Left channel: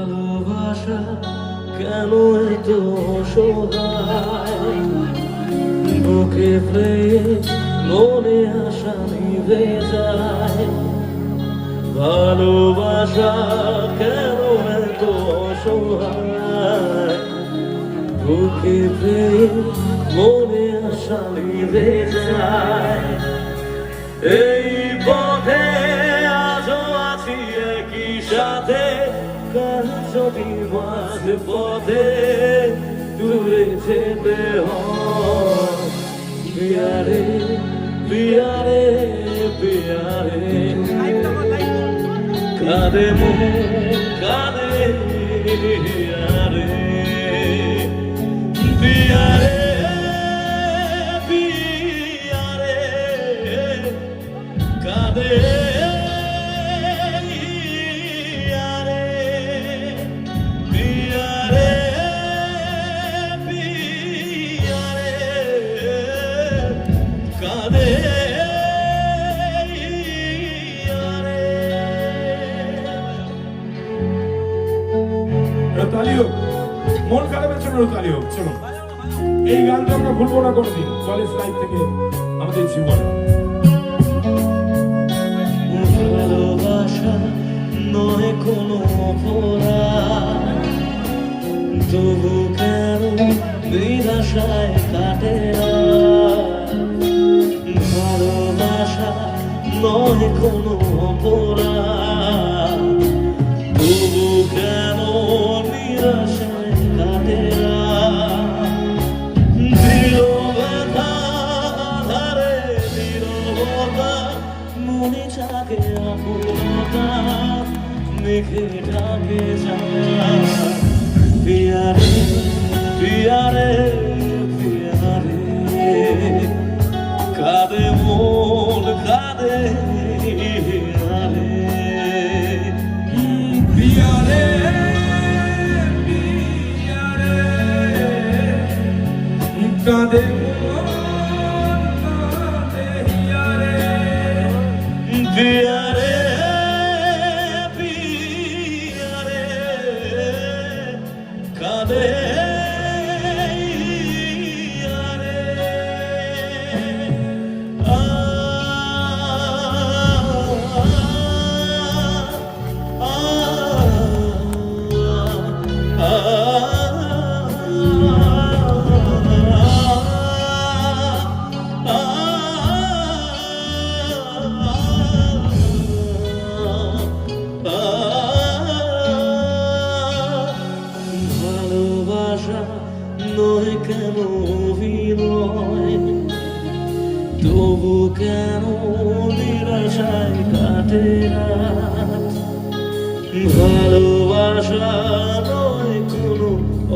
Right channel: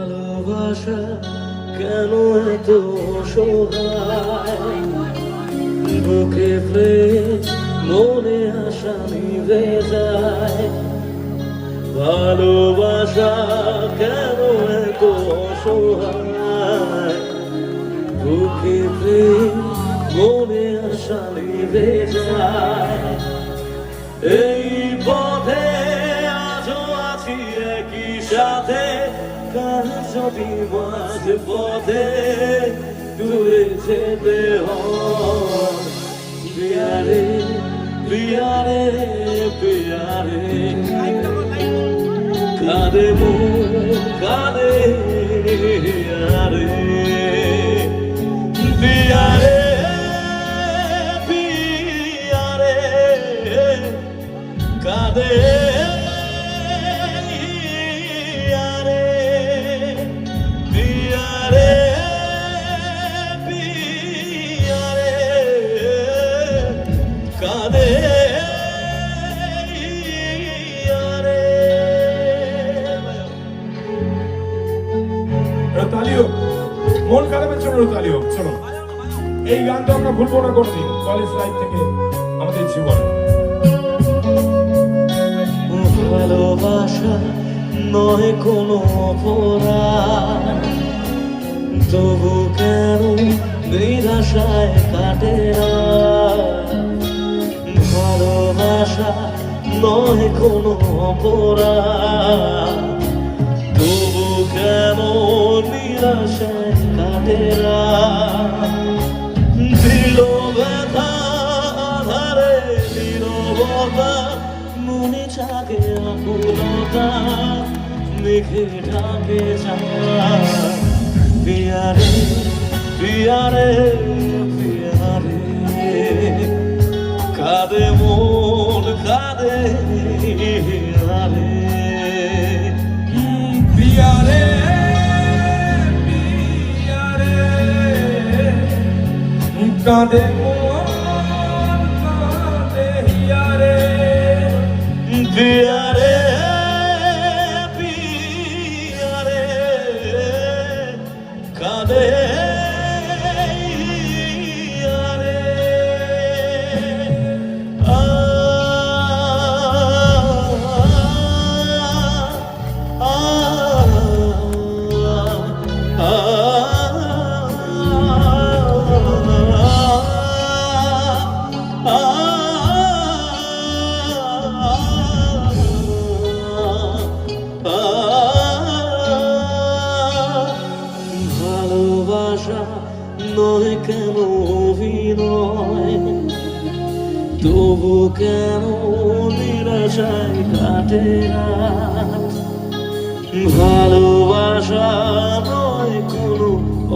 ভালোবাসা কেন এত সহায়? বুকে মনে আশা নিভে যায়। ভালোবাসা কেন এত সহায়? বুকে মনে আশা নিভে যায়। এই পথে কার যদি মাঝ পথে দূরে যেতে হয়। পিয়ারে পিয়ারে পিয়ারে কাঁদে মু কাঁদে পিয়ারে জন্য একটা তালি হোক চলো এই গানটা আমরা ভুলবো না কোনোদিন কলেজ লাইফ থেকে আমাদের জীবনে। ভালোবাসা নয় কোনো মেঘে ঢাকে পিয়ারে পিয়ারে পিয়ারে কাঁদে মন কাঁদে পিয়ারে কাঁদে মন কাঁদে পিয়ারে পিয়ারে কাঁদে ভালোবাসা নয় কেন অভিনয় তবু কেন নিরাশায় কাটে ভালোবাসা নয় কোনো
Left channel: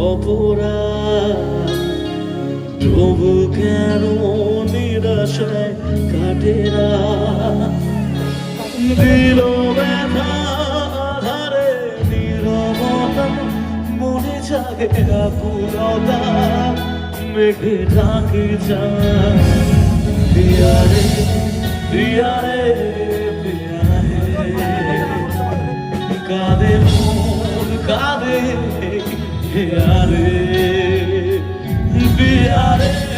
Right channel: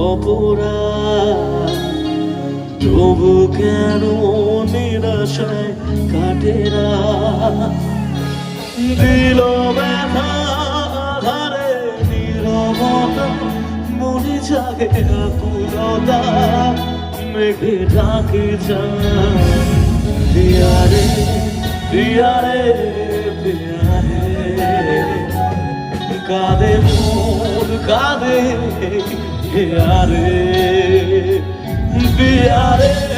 অপরাধ তবু কেন নিরাশায় কাটে না মনে জাগে আকুলতা মেঘে ঢাকে যায় পিয়ারে পিয়ারে পিয়ারে কাঁদে মন কাঁদে পিয়ারে পিয়ারে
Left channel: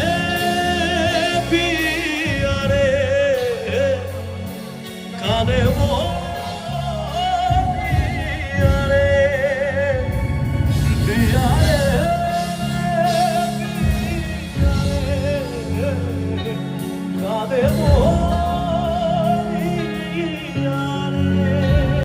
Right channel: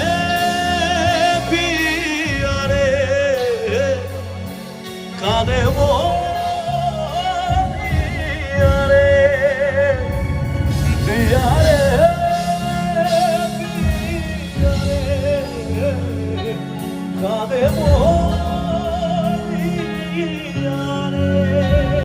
Cadê amor?